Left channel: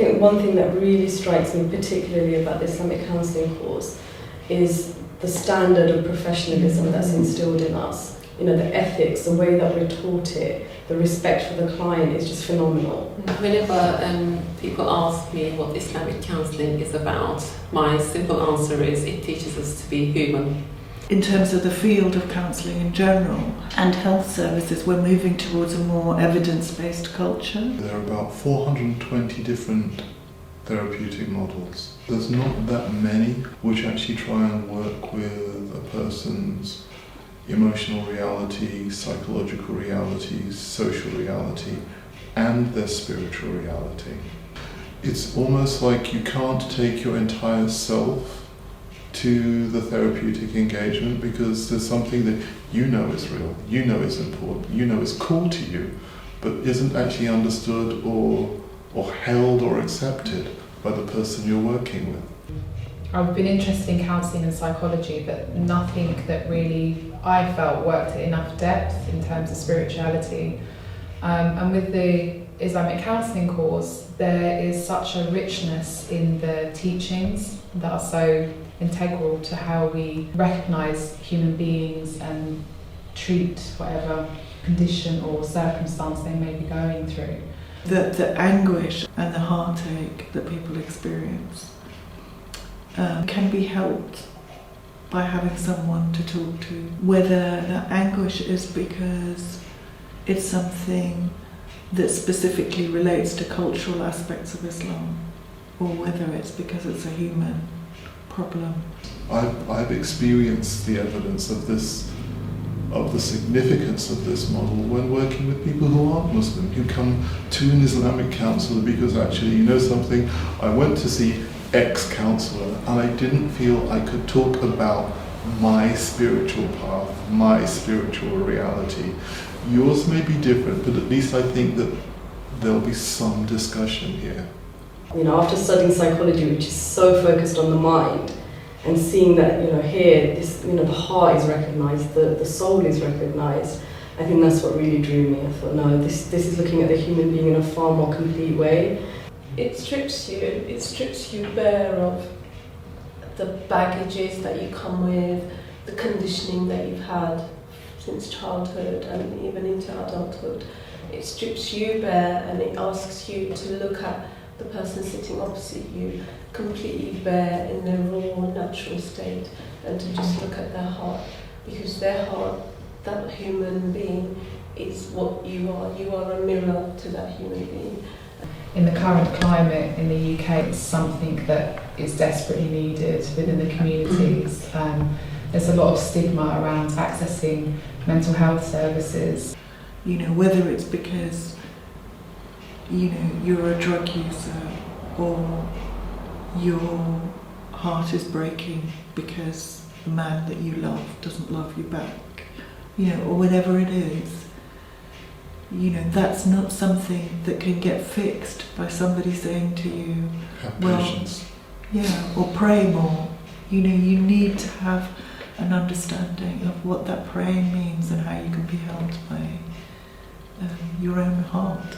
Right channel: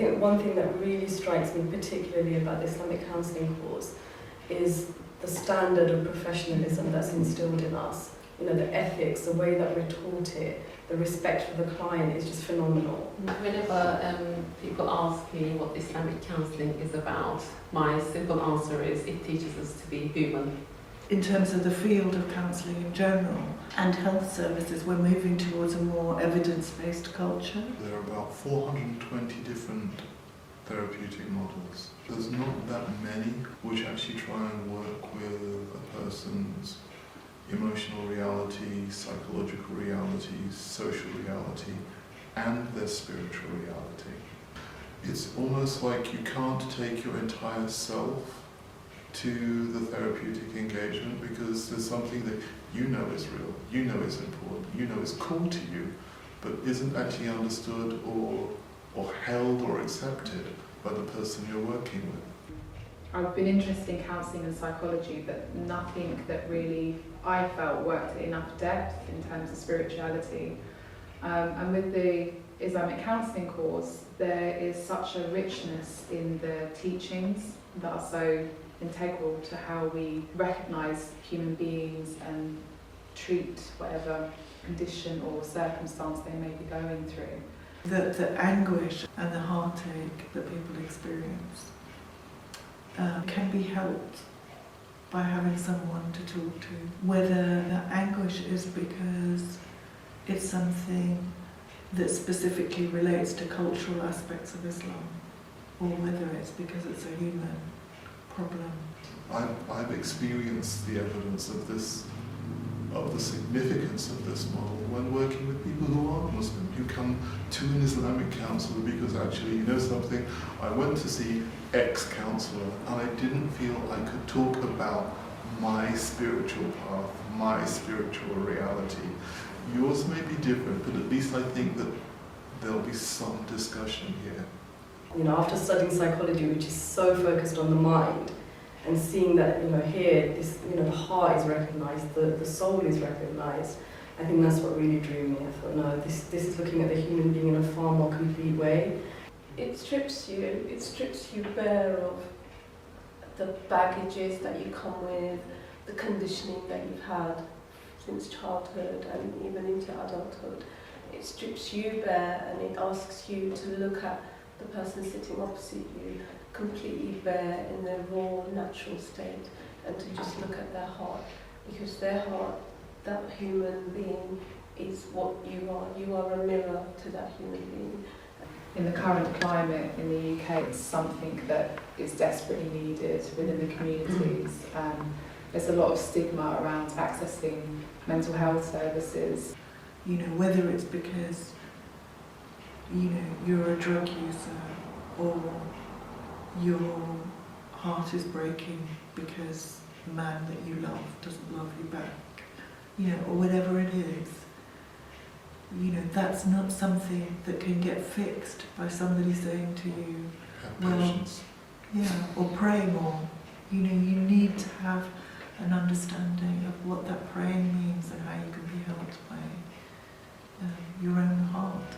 think one thing that really strikes me particularly about the Islamic Counselling course is the standard of professionalism that's instilled in us. You know, the ethics, the way that we're taught it, the respect for the client is just phenomenal. Whenever people ask me what Islamic counselling is about, my simple answer is it teaches us to be human. In terms of the field of counselling in general and health services, we're moving towards a more evidence-based culture. There are about 420 different therapeutic models. There's not that many which actually try and work with a person's emotional reality, psychological reality, social reality, and their spiritual reality. It's almost like you can't take your entire self to the therapeutic engagement because there's something that you know is real, you know is important, you know is cool to you, but isn't actually understood or held or accepted by the person you're working with. I've been interested in counselling and psychology, but nothing that really I felt worked at enough depth in terms of spirituality. And with the Islamic Counselling course, there is such a richness in the teachings that are so integral to how we recognise human beings and treat whatever condition or circumstance they may be going through. The anguish and the heartache that people experience can be helped by having someone to talk to. Whether the anguish is because it's something that specifically relates to cultural aspects of Islam, or whether it's because it's a human problem. I've experienced the evidence of the significance of this model when working with people who aren't Muslim, who come to an Islamic counsellor because actually, you know something, I went to see X counsellor and I didn't feel I could talk about my spiritual path, my spiritual reality. Yours may be different, but at least I think that there'll be some discussion here. You know, after studying psychology, which is so focused on the mind, and seeing that, you know, here, this, you know, the heart is recognised, the soul is recognised, I think that's what really drew me. I thought, no, this is looking at the human being in a far more complete way. It strips you bare of the baggages that you come with, the conditioning that you've had since childhood and even into adulthood. It strips you bare and it asks you to look at the person sitting opposite you completely bare in their raw, natural state, and to just look at their heart, because their heart, that human being, is what you are. You are a mirror to that human being. In the current climate in the UK, it's something that is desperately needed within the communities. There's a lot of stigma around accessing mental health services. You know, whether it's because, you know, you're a drug user or your heart is breaking because the man that you love doesn't love you back, you know, or whatever it is. You know, that's not something that can get fixed by somebody saying to you, Have well, patience. yeah, or pray more. You know, you need to have an understanding of what that praying means and how you can be helped by your own heart.